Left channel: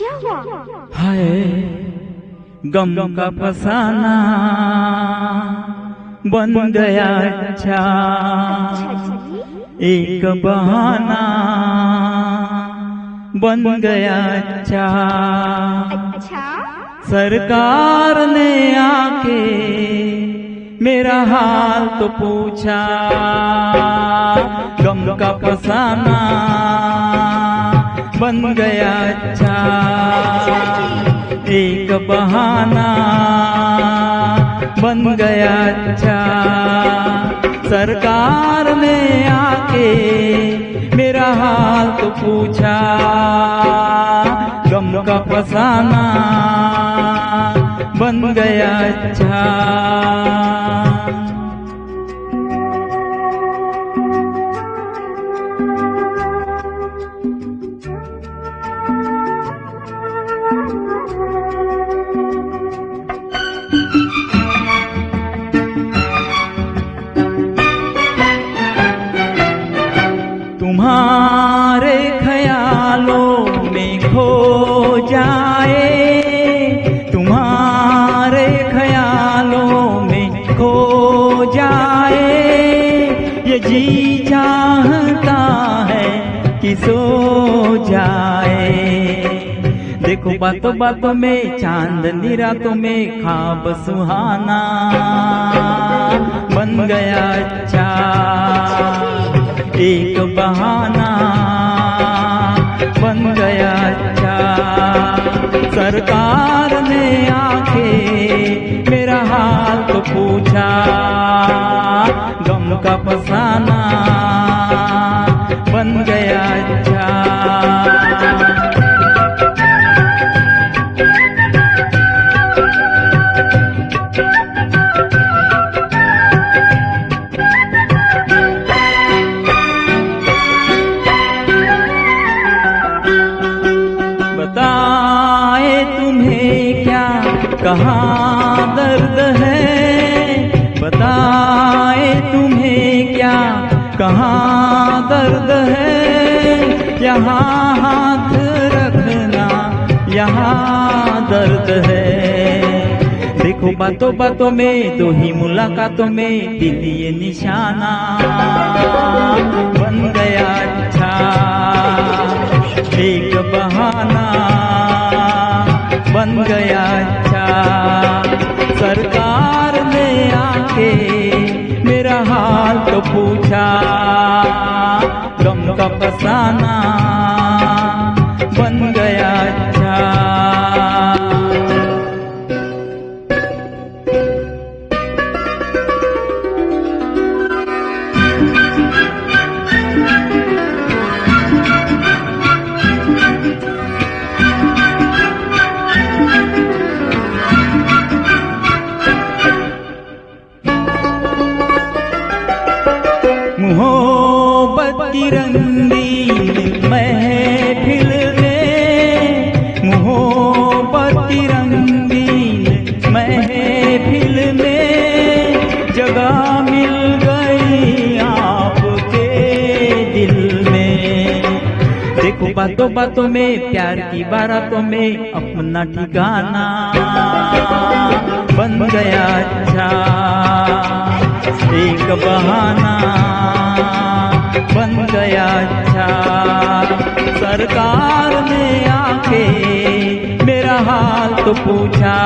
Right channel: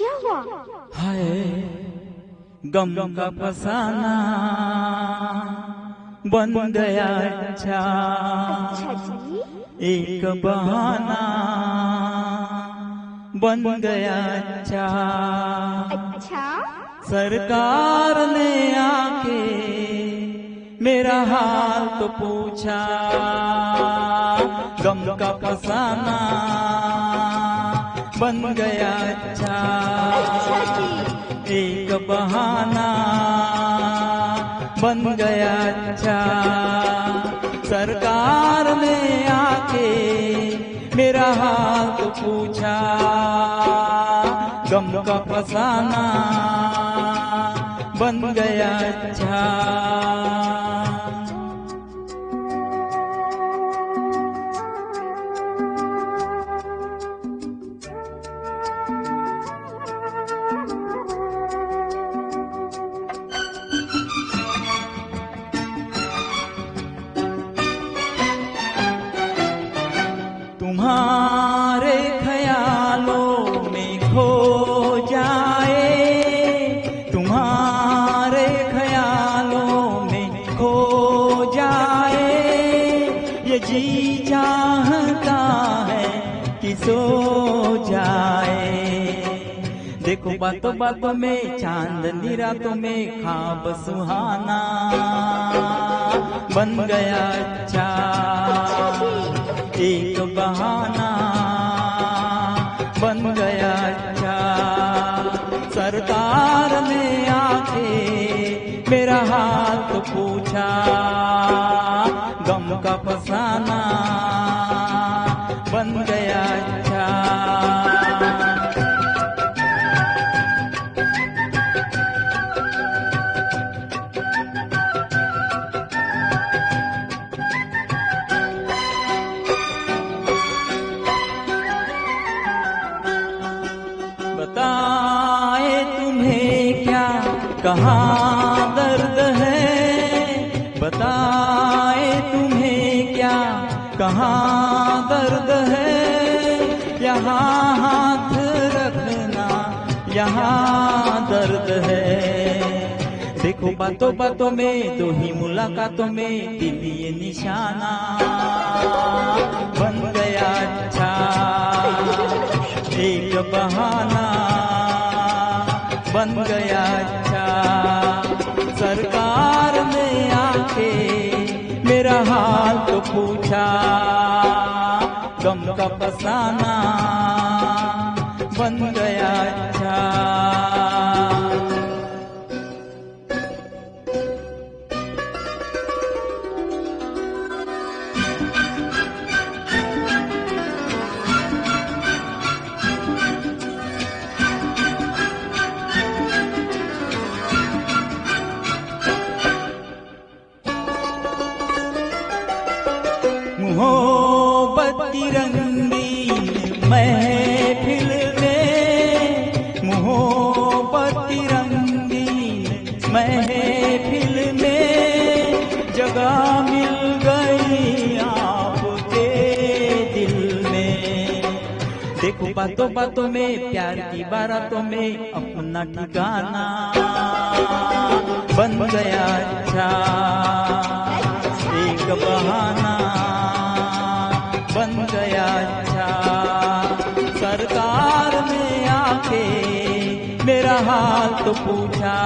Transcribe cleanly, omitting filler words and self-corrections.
क्या हुआ? हाय गम का फसाना बन गया अच्छा, एक बहाना बन गया अच्छा। सरकार ने आके मेरा हाल तो पूछा, गम का फसाना बन गया अच्छा, एक बहाना बन गया अच्छा। सरकार ने आके मेरा हाल तो पूछा, गम का फसाना बन गया अच्छा। तुम्हारे ख्यालों में खो जाए, तुम्हारे ख्यालों में खो जाए, ये जी चाहता है कि सो जाए। देखो बातों बातों में चांदनी रातों में ख्वाब सुहाना बन गया अच्छा, एक बहाना बन गया अच्छा। सरकार ने आके मेरा हाल तो पूछा, गम का फसाना बन गया अच्छा। कहाँ दर्द है, बताए तुम्हें क्या कहाँ दर्द है। यहाँ हाथ रखना यहाँ दर्द है। देखो बातों बातों में दो ही मुलाकातों में दिल ये निशाना बन गया अच्छा, एक बहाना बन गया अच्छा। सरकार ने आके मेरा हाल तो पूछा, गम का फसाना बन गया अच्छा। मोहब्बत की रंगीन महफिल में, मोहब्बत की रंगीन महफिल में जगह मिल गई आपके दिल में। देखो बातों बातों में प्यार की बारातों में अपना ठिकाना बन गया अच्छा, एक बहाना बन गया अच्छा। सरकार ने आके मेरा हाल तो पूछा,